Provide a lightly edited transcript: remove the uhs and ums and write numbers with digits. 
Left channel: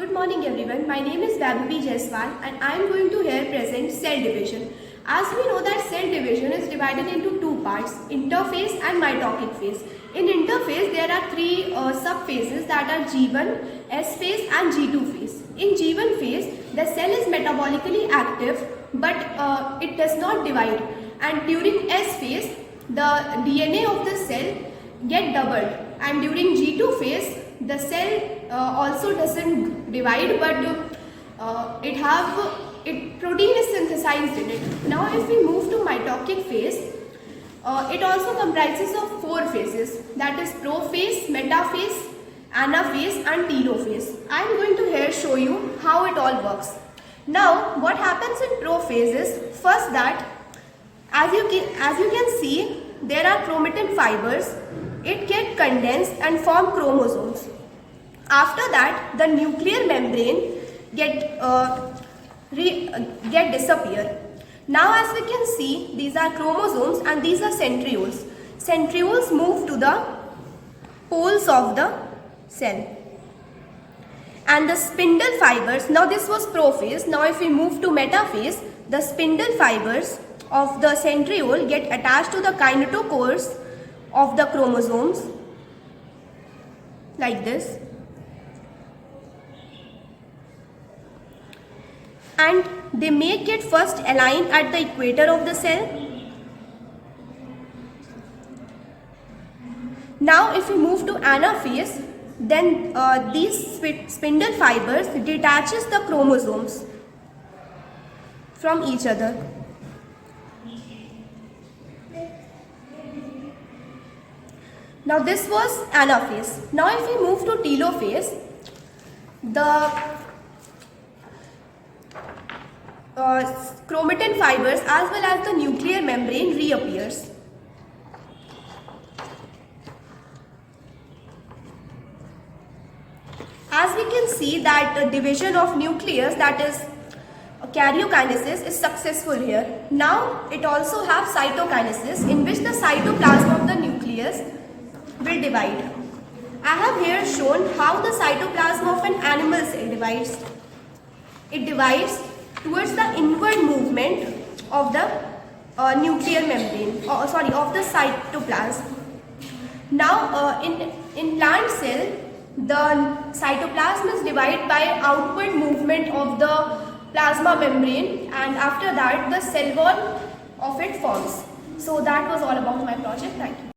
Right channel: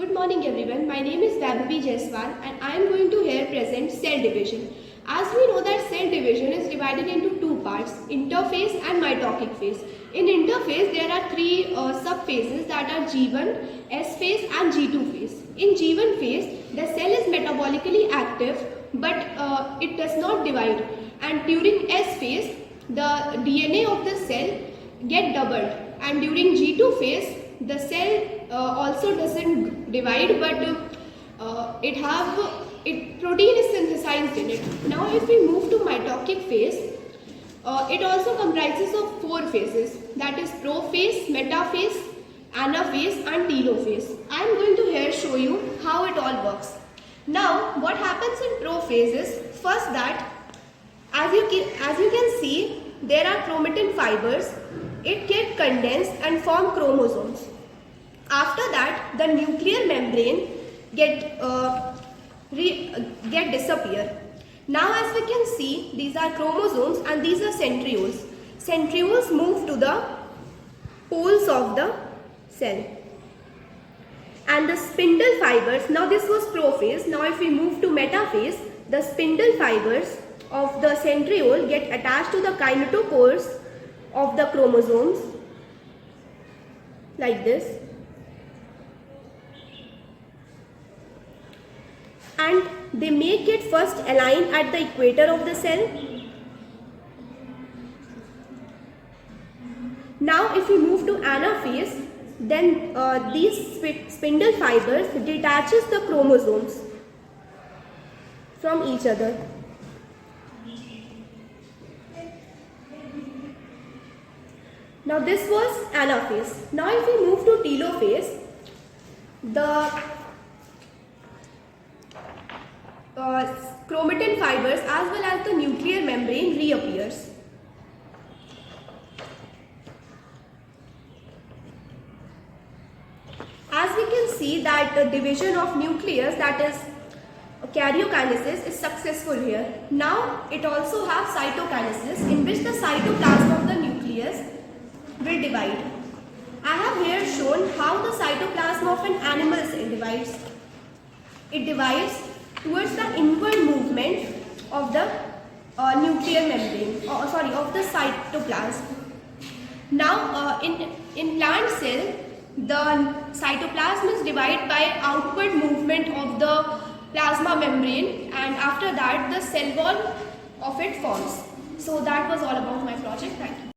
Good morning everyone. My name is Vaibhavi Jaiswal and I am going to here present cell division. As we know that cell division is divided into two parts, interphase and mitotic phase. In interphase there are three subphases that are G1, S phase and G2 phase. In G1 phase the cell is metabolically active but it does not divide, and during S phase the DNA of the cell get doubled, and during G2 phase the cell also doesn't divide but protein is synthesized in it. Now if we move to mitotic phase, it also comprises of four phases, that is prophase, metaphase, anaphase and telophase. I am going to here show you how it all works. Now what happens in prophase is, first that as you can see there are chromatin fibers. It get condensed and form chromosomes. After that the nuclear membrane get disappear. Now as we can see, these are chromosomes and these are centrioles. Centrioles move to the poles of the cell. And the spindle fibers, now this was prophase. Now if we move to metaphase, the spindle fibers of the centriole get attached to the kinetochores of the chromosomes like this, and they make it first align at the equator of the cell. Now if we move to anaphase, then these spindle fibers detaches the chromosomes from each other. Now this was anaphase. Now if we move to telophase, the chromatin fibers as well as the nuclear membrane reappears. As we can see that the division of nucleus, that is karyokinesis, is successful here. Now it also has cytokinesis, in which the cytoplasm of the nucleus will divide. I have here shown how the cytoplasm of an animal cell divides. It divides towards the inward movement of the nuclear membrane, of the cytoplasm. Now in plant cell, the cytoplasm is divided by outward movement of the plasma membrane, and after that the cell wall of it forms. So that was all about my project. Thank you.